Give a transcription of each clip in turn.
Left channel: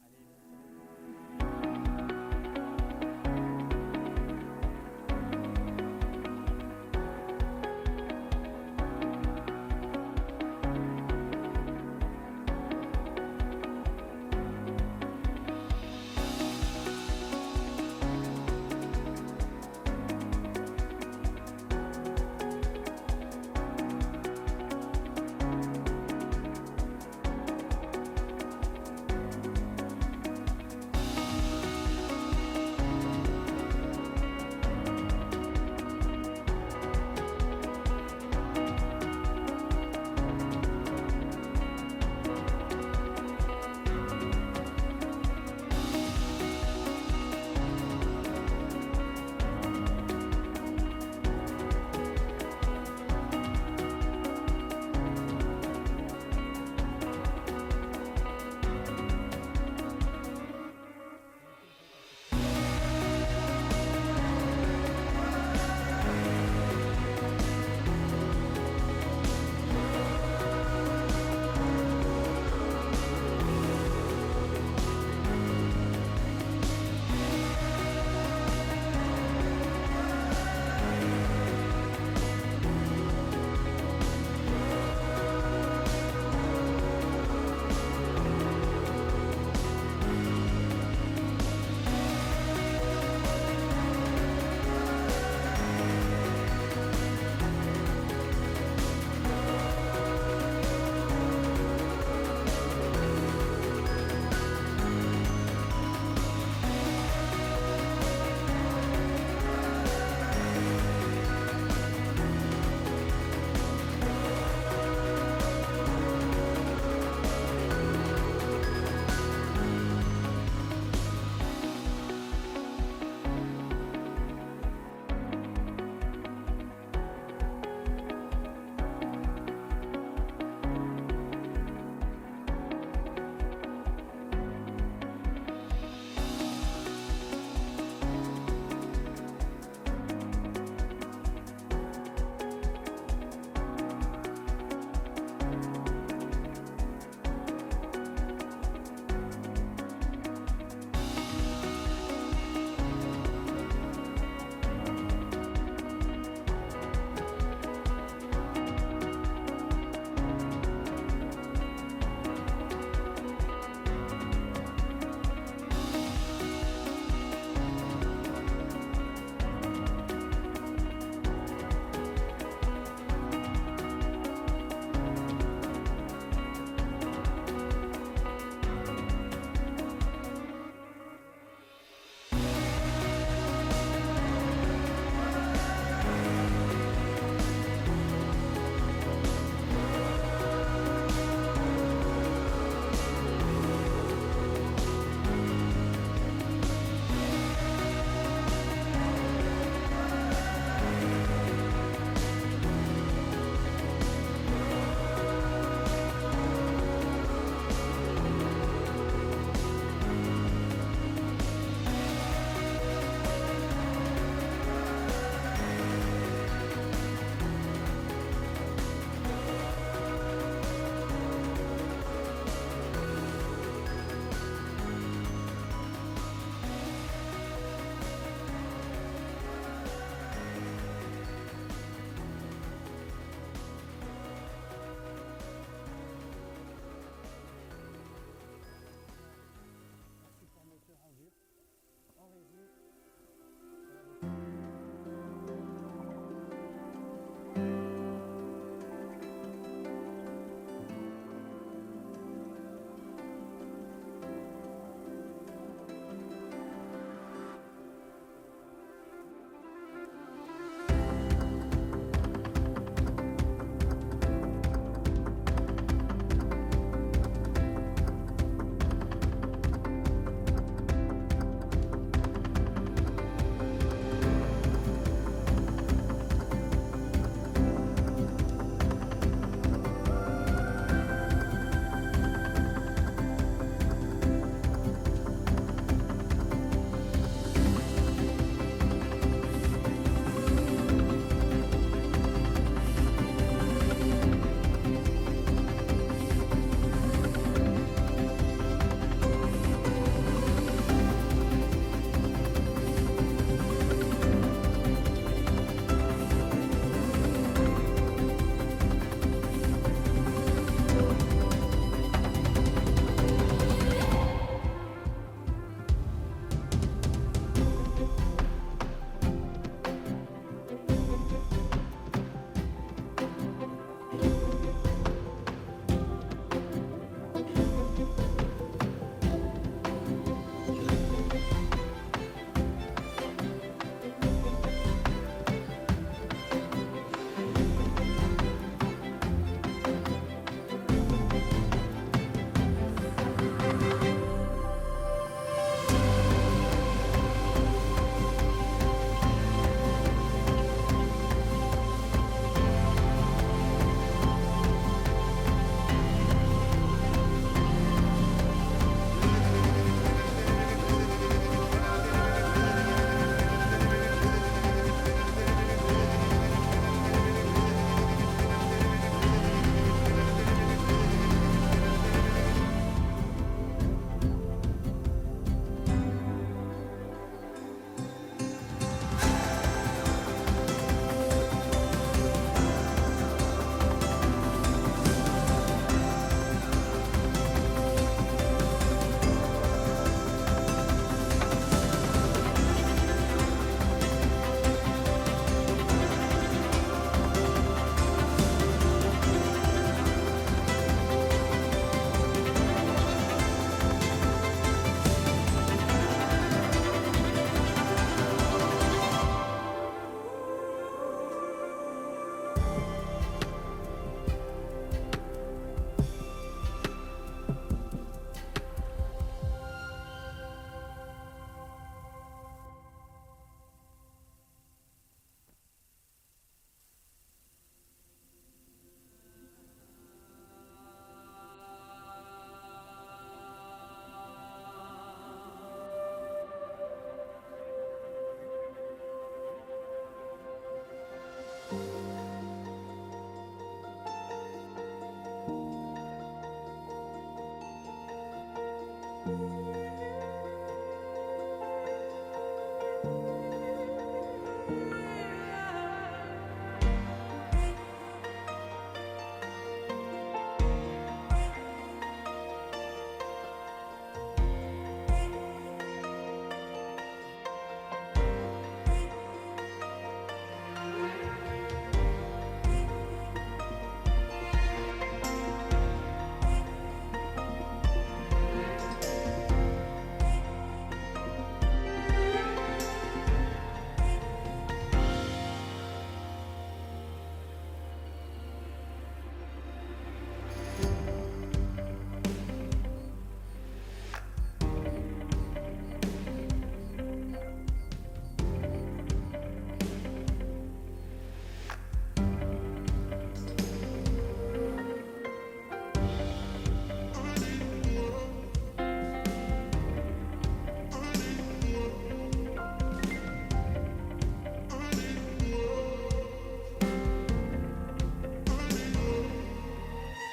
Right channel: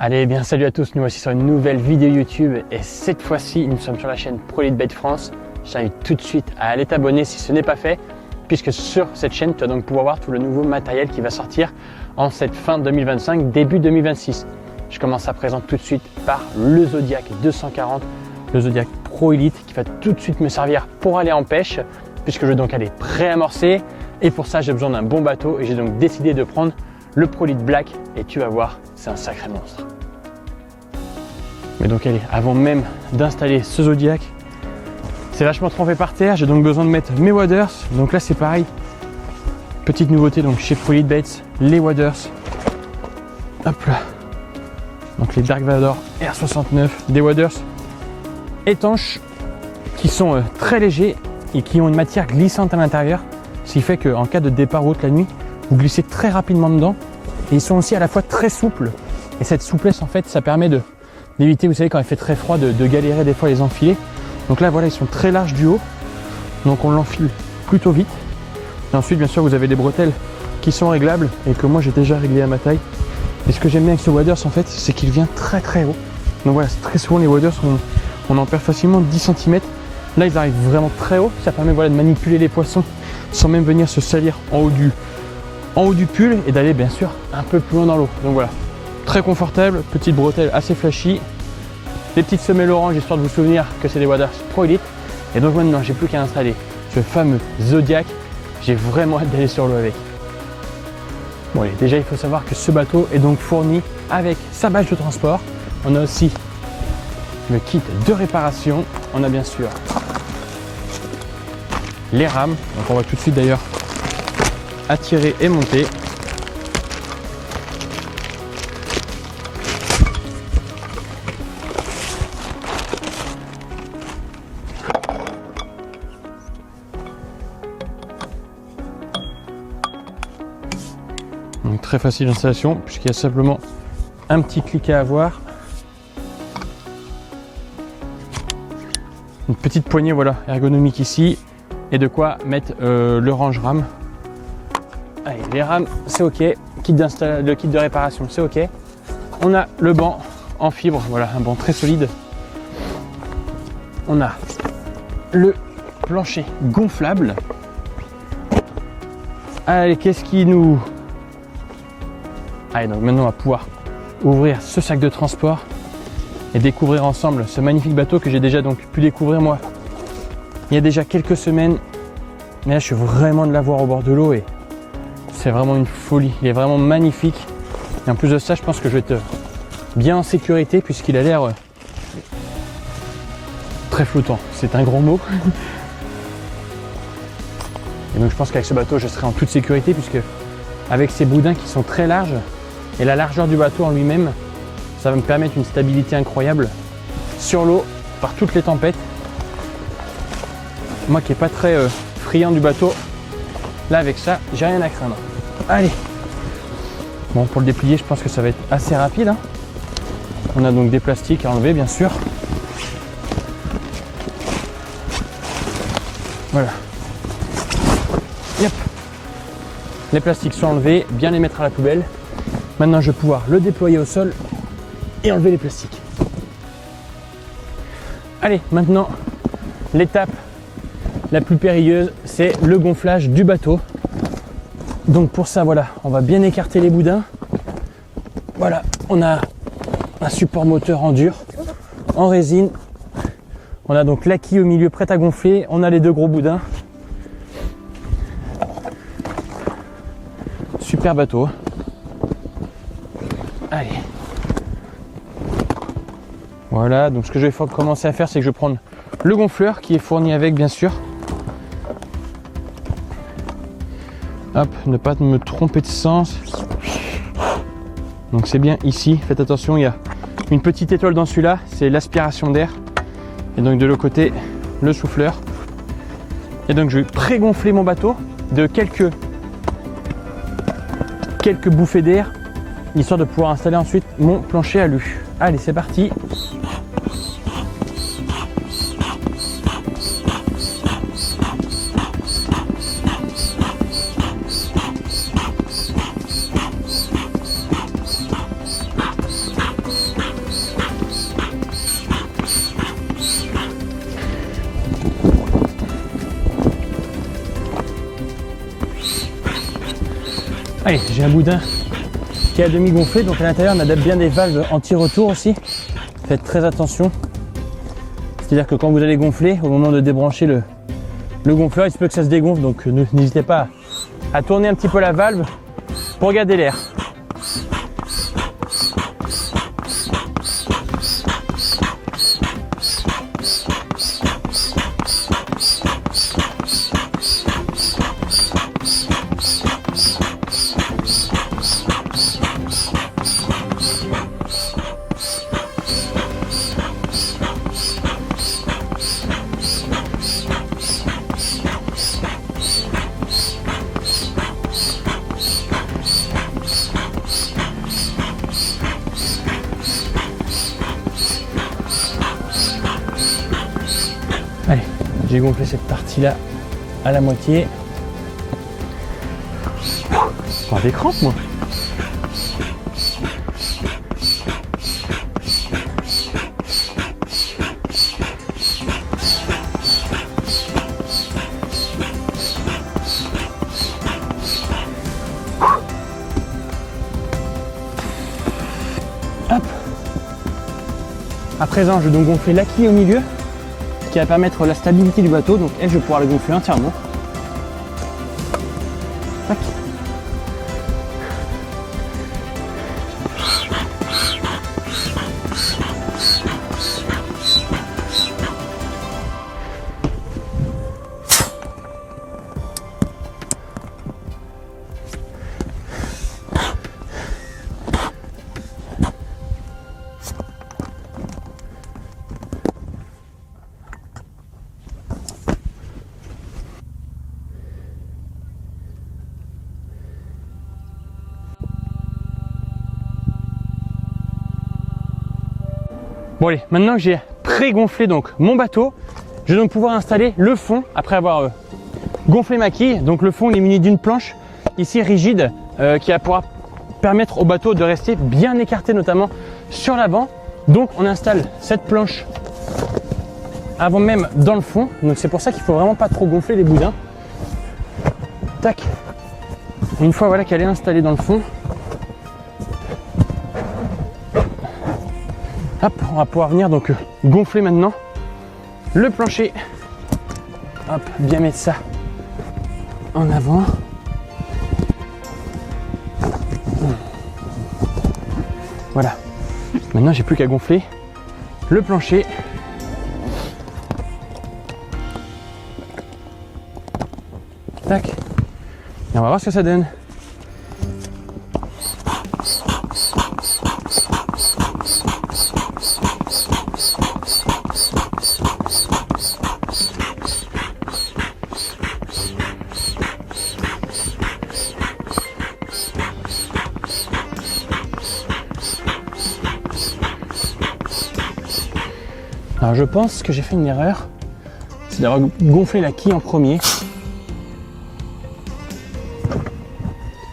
Allez, bien salut à tous, nous voici sur une nouvelle vidéo YouTube et cette fois-ci nous sommes sur la chaîne ProEliteBait France. Je t'invite tout de suite à aller t'abonner si ce n'est pas fait, puisque sur cette chaîne tu vas donc pouvoir voir tout le nouveau matériel qui va sortir en cette fin 2025, début 2026. Je commence à présenter tout de suite par le Zodiac 240, le Zodiac Pro Elite qui va tout de suite me servir pour aller en pêche, puisque je vais donc aller pré-amorcer et pour ça j'ai besoin d'un bon bateau et j'ai donc décidé de prendre le Pro Elite Black et tu vas voir, c'est un sacré monstre. Mais donc allez, avant même d'installer ce Zodiac, c'est vachement trempé par terre, j'ai donc besoin de mettre mes waders. Donc là c'est pareil, petite nouveauté donc chez ProEliteBaits, les waders. Hop là. Donc les Dark Vador R69, des waders étanches qui sont très légers et qui ont une matière glissante à l'intérieur, ce qui fait qu'en cas de départ ou autre la nuit, vous glissez très rapidement dedans. Et ils sont aussi à la fois très souples. Et cette souplesse en fait, ça permet d'éviter, vous savez, quand il fait très froid, de galérer des fois à les enfiler. Donc là voilà, ils sont très larges du haut, donc on l'enfile plutôt vite. Et ensuite bien sûr vous avez les bretelles qui sont réglables et que moi j'ai déjà réglé à ma taille. Et ce que j'aime bien avec ce waders en fait, c'est qu'il vient très très haut. Donc voilà, très souvent les waders on en perd facilement 10 cm. Là ils arrivent vraiment très haut, ça permet voilà, de manipuler les poissons sans même venir se salir en haut du pull et d'aller bien sûr un peu plus loin dans l'eau. Donc voilà, très confortable, petite bretelle assez flashy, des petites semelles orange histoire de vous souvenir que c'est des waders Pro Elite. Et donc maintenant j'ai plus qu'à installer ce fameux Zodiac, j'ai vraiment hâte d'aller sur l'eau avec. Bon allez, déjà il faut savoir que ce bateau est donc fourni avec sa bâche de transport. On a aussi le kit de réparation, on a bien sûr les rames, donc on va tout de suite d'ailleurs attirer et monter. Donc très facile d'installation puisqu'il y a simplement un petit clic à avoir. Une petite poignée voilà, ergonomique ici et de quoi mettre le range rame. Allez, les rames c'est ok, le kit de réparation c'est ok. On a le banc en fibre, voilà un banc très solide. On a le plancher gonflable. Allez, qu'est-ce qui nous... Allez, donc maintenant on va pouvoir ouvrir ce sac de transport et découvrir ensemble ce magnifique bateau que j'ai déjà donc pu découvrir moi il y a déjà quelques semaines. Mais là je suis vraiment de l'avoir au bord de l'eau et c'est vraiment une folie, il est vraiment magnifique. Et en plus de ça, je pense que je vais être bien en sécurité puisqu'il a l'air très flottant. C'est un gros mot. Et donc je pense qu'avec ce bateau, je serai en toute sécurité puisque avec ces boudins qui sont très larges et la largeur du bateau en lui-même, ça va me permettre une stabilité incroyable sur l'eau par toutes les tempêtes. Moi qui n'ai pas très friand du bateau, là avec ça, j'ai rien à craindre. Allez. Bon, pour le déplier, je pense que ça va être assez rapide. Hein. On a donc des plastiques à enlever, bien sûr. Voilà. Yep. Les plastiques sont enlevés, bien les mettre à la poubelle. Maintenant, je vais pouvoir le déployer au sol et enlever les plastiques. Allez, maintenant, l'étape la plus périlleuse, c'est le gonflage du bateau. Donc pour ça, voilà, on va bien écarter les boudins. Voilà, on a un support moteur en dur, en résine. On a donc la quille au milieu prête à gonfler. On a les deux gros boudins. Super bateau. Allez. Voilà, donc ce que je vais commencer à faire, c'est que je vais prendre le gonfleur qui est fourni avec, bien sûr. Hop, ne pas me tromper de sens. Donc c'est bien ici, faites attention, il y a une petite étoile dans celui-là, c'est l'aspiration d'air. Et donc de l'autre côté, le souffleur. Et donc je vais pré-gonfler mon bateau de quelques bouffées d'air, histoire de pouvoir installer ensuite mon plancher à alu. Allez, c'est parti. boudin qui est à demi gonflé. Donc à l'intérieur, on a bien des valves anti-retour aussi. Faites très attention. C'est-à-dire que quand vous allez gonfler, au moment de débrancher le gonfleur, il se peut que ça se dégonfle. Donc n'hésitez pas à tourner un petit peu la valve pour garder l'air. Allez, j'ai gonflé cette partie-là à la moitié. J'ai des crampes, moi. Hop. À présent, je vais donc gonfler la quille au milieu, qui va permettre la stabilité du bateau. Donc elle, je vais pouvoir le gonfler entièrement. Tac. Bon allez, maintenant que j'ai pré-gonflé donc mon bateau, je vais donc pouvoir installer le fond après avoir gonflé ma quille. Donc le fond il est muni d'une planche ici rigide qui va pouvoir permettre au bateau de rester bien écarté, notamment sur l'avant. Donc on installe cette planche avant même dans le fond. Donc c'est pour ça qu'il faut vraiment pas trop gonfler les boudins. Tac. Une fois voilà qu'elle est installée dans le fond, hop, on va pouvoir venir donc gonfler maintenant le plancher. Hop, bien mettre ça en avant. Voilà. Maintenant, j'ai plus qu'à gonfler le plancher. Tac. Et on va voir ce que ça donne. Alors je pense que j'ai fait une erreur, c'est d'avoir gonflé la quille en premier.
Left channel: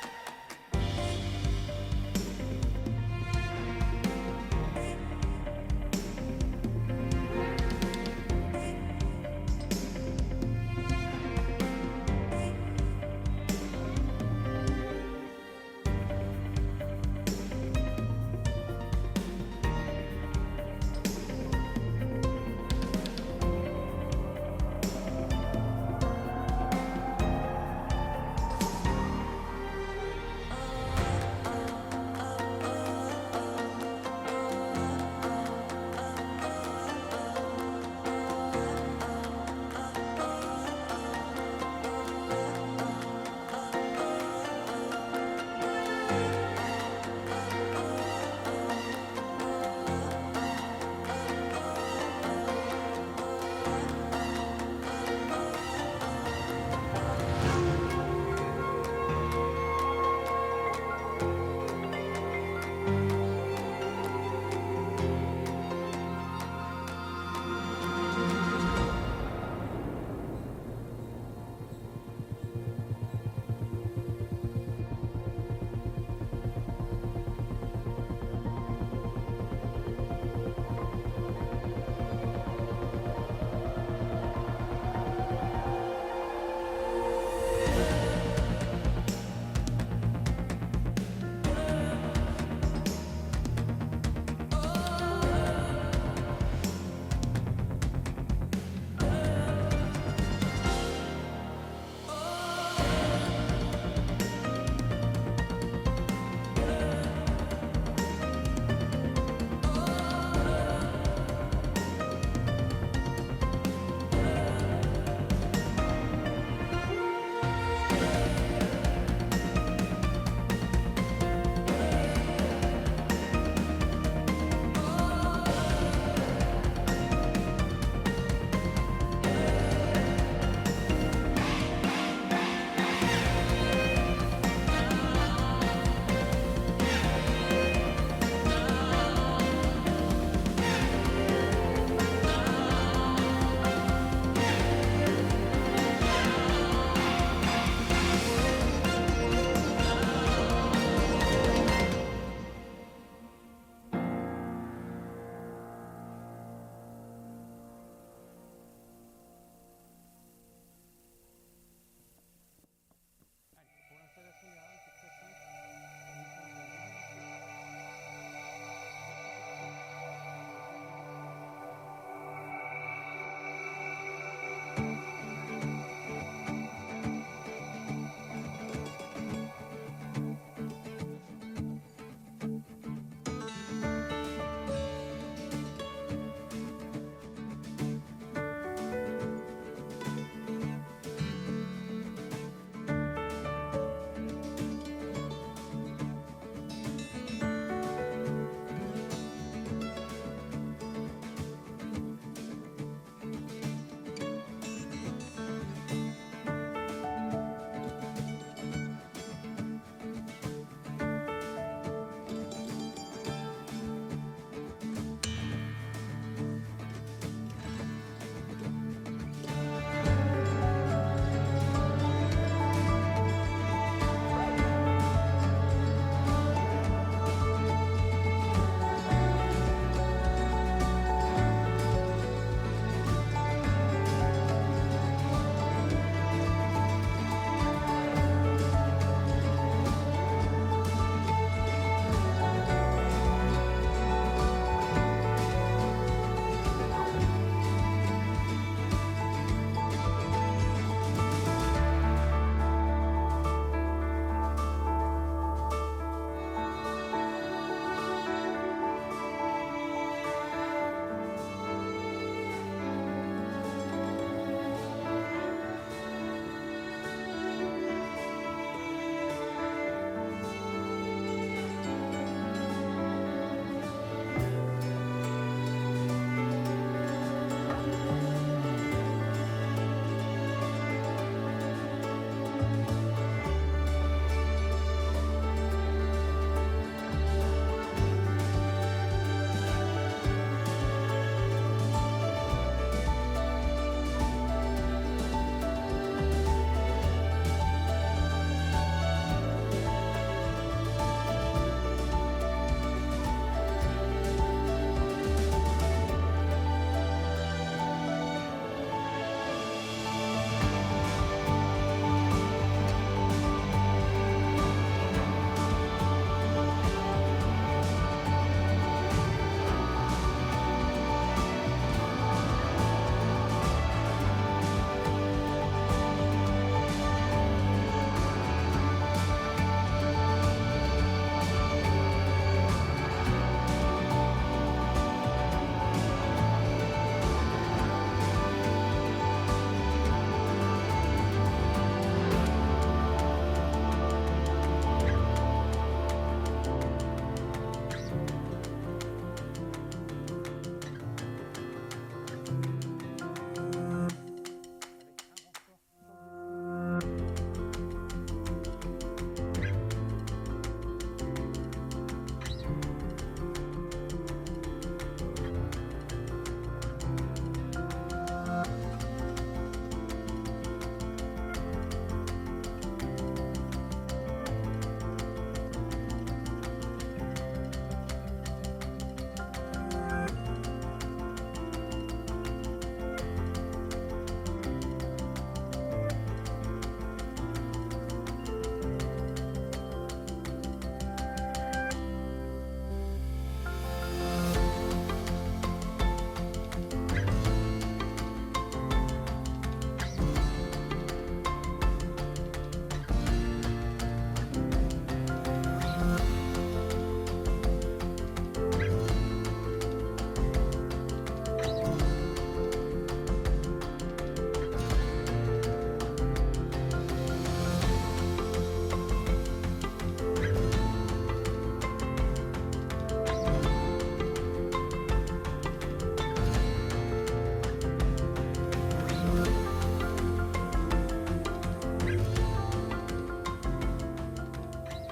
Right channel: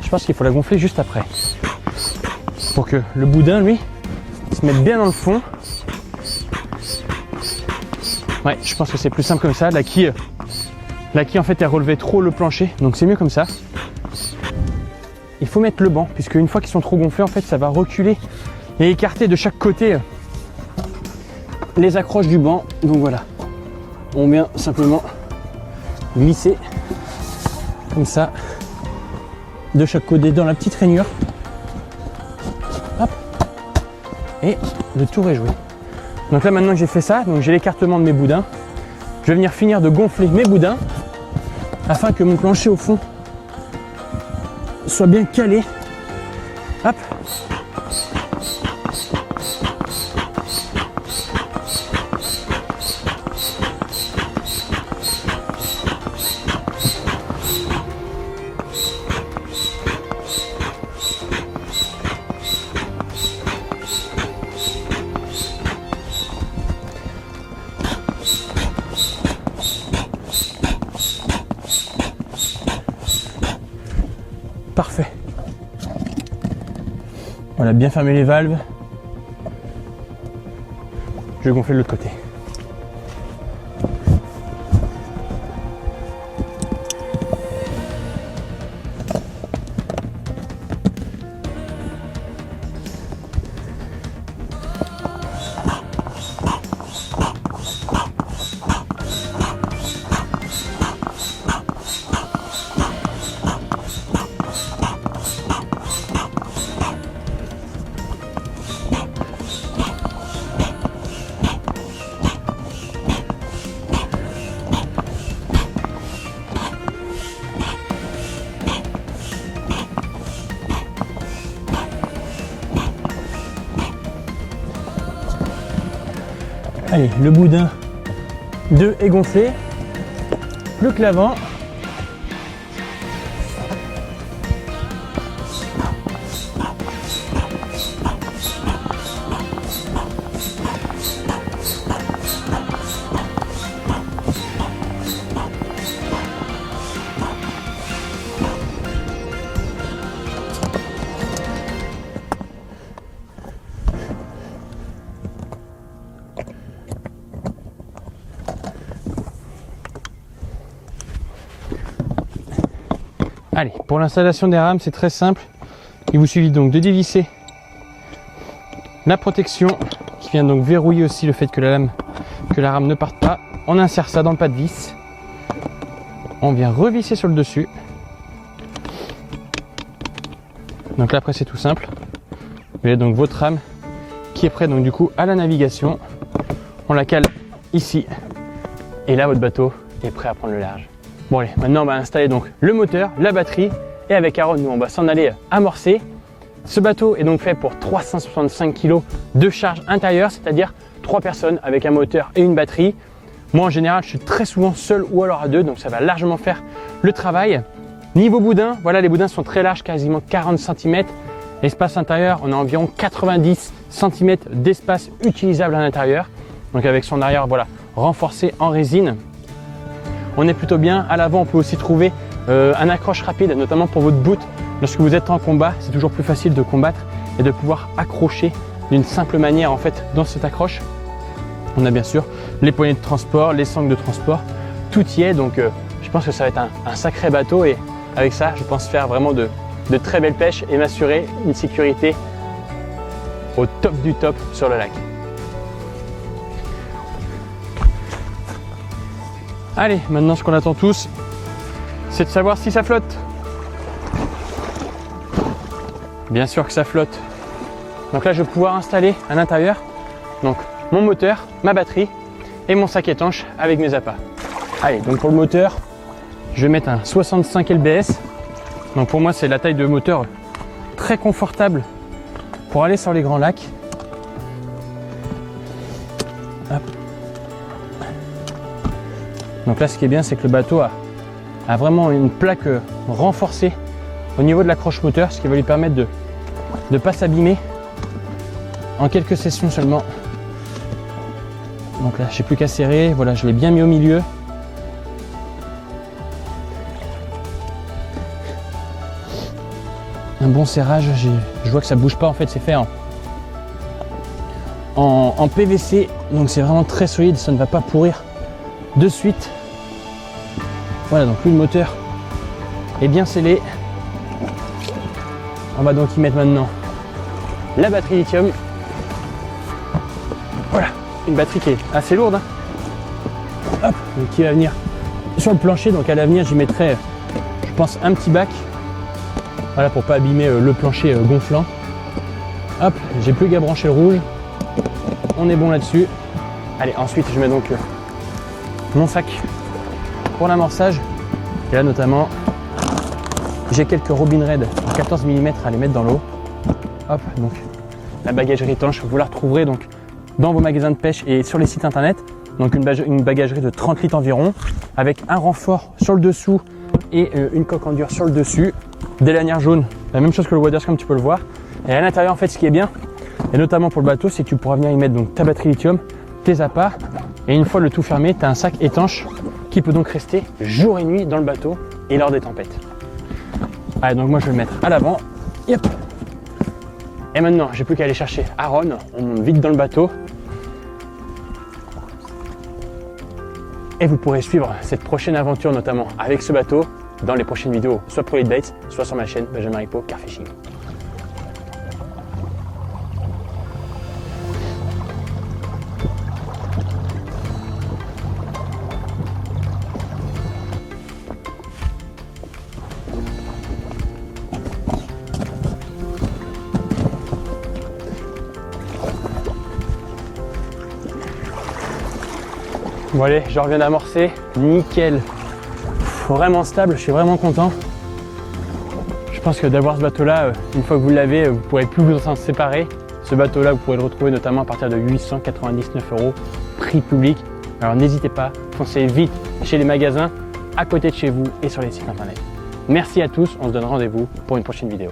Je pense qu'il faut la gonfler juste après, pour que le boudin, lui, se mette bien dans le fond. Ouais, je pense que c'est plus simple comme ça. La quille en fait, elle relevait trop le plancher, donc c'est mieux comme ça. Il faut mettre le banc, puisque une fois qu'ils sont trop gonflés, en fait, ça va reculer et écarter de chaque côté les accroches du banc. Donc voilà, on vient simplement glisser comme ça de chaque côté dans la petite rainure. Hop. Et le tour est joué. Donc là maintenant que j'ai fait ça, donc j'ai l'écartement de mes boudins, je vais venir finir de gonfler mes boudins afin que mon plancher au fond soit bien calé. Hop. Parfait. Voilà, bien fermer les valves. Je vais gonfler de l'autre côté. Allez, le boudin 2 est gonflé. Plus que l'avant. Allez, pour l'installation des rames, c'est très simple. Il vous suffit donc de dévisser la protection qui vient donc verrouiller aussi le fait que la rame ne parte pas. On insère ça dans le pas de vis. On vient revisser sur le dessus. Donc là après c'est tout simple. Vous avez donc votre rame qui est prête donc du coup à la navigation. On la cale ici. Et là votre bateau est prêt à prendre le large. Bon allez, maintenant on va installer donc le moteur, la batterie et avec Aaron nous on va s'en aller amorcer. Ce bateau est donc fait pour 365 kg de charge intérieure, c'est-à-dire 3 personnes avec un moteur et une batterie. Moi en général je suis très souvent seul ou alors à 2, donc ça va largement faire le travail. Niveau boudin, voilà les boudins sont très larges, quasiment 40 cm. L'espace intérieur, on a environ 90 cm d'espace utilisable à l'intérieur. Donc avec son arrière voilà, renforcé en résine. On est plutôt bien. À l'avant, on peut aussi trouver un accroche rapide, notamment pour votre boot. Lorsque vous êtes en combat, c'est toujours plus facile de combattre et de pouvoir accrocher d'une simple manière en fait dans cette accroche. On a bien sûr les poignées de transport, les sangles de transport, tout y est. Donc je pense que ça va être un sacré bateau et avec ça, je pense faire vraiment de très belles pêches et m'assurer une sécurité au top du top sur le lac. Allez, maintenant ce qu'on attend tous, c'est de savoir si ça flotte. Bien sûr que ça flotte. Donc là, je vais pouvoir installer à l'intérieur donc mon moteur, ma batterie et mon sac étanche avec mes appâts. Allez, donc pour le moteur, je vais mettre un 65 lbs. Donc pour moi, c'est la taille de moteur très confortable pour aller sur les grands lacs. Hop. Donc là, ce qui est bien, c'est que le bateau a vraiment une plaque renforcée au niveau de l'accroche moteur, ce qui va lui permettre de ne pas s'abîmer en quelques sessions seulement. Donc là, j'ai plus qu'à serrer. Voilà, je l'ai bien mis au milieu. Un bon serrage. Je vois que ça bouge pas. En fait, c'est fait en PVC, donc c'est vraiment très solide. Ça ne va pas pourrir de suite. Voilà, donc lui, le moteur est bien scellé. On va donc y mettre maintenant la batterie lithium. Voilà, une batterie qui est assez lourde. Hop, donc qui va venir sur le plancher. Donc à l'avenir, j'y mettrai, je pense, un petit bac. Voilà, pour pas abîmer le plancher gonflant. Hop, j'ai plus qu'à brancher le rouge. On est bon là-dessus. Allez, ensuite, je mets donc mon sac pour l'amorçage. Et là, notamment, j'ai quelques Robin Red 14 mm à les mettre dans l'eau. Hop, donc la bagagerie étanche, vous la retrouverez donc dans vos magasins de pêche et sur les sites internet. Donc une bagagerie de 30 litres environ, avec un renfort sur le dessous et une coque en dur sur le dessus. Des lanières jaunes, la même chose que le Waders comme tu peux le voir. Et à l'intérieur, en fait, ce qui est bien, et notamment pour le bateau, c'est que tu pourras venir y mettre donc ta batterie lithium, tes appâts, et une fois le tout fermé, tu as un sac étanche qui peut donc rester jour et nuit dans le bateau et lors des tempêtes. Allez, donc moi je vais le mettre à l'avant. Yep. Et maintenant, j'ai plus qu'à aller chercher Aaron. On monte vite dans le bateau. Et vous pourrez suivre cette prochaine aventure, notamment avec ce bateau, dans les prochaines vidéos, soit pour les Baits, soit sur ma chaîne Benjamin Ripaud Car Fishing. Bon allez, je reviens d'amorcer, nickel, vraiment stable, je suis vraiment content. Je pense que d'avoir ce bateau-là, une fois que vous l'avez, vous ne pourrez plus vous en séparer. Ce bateau-là, vous pourrez le retrouver notamment à partir de 899 €. prix public. Alors n'hésitez pas, foncez vite chez les magasins à côté de chez vous et sur les sites internet. Merci à tous, on se donne rendez-vous pour une prochaine vidéo.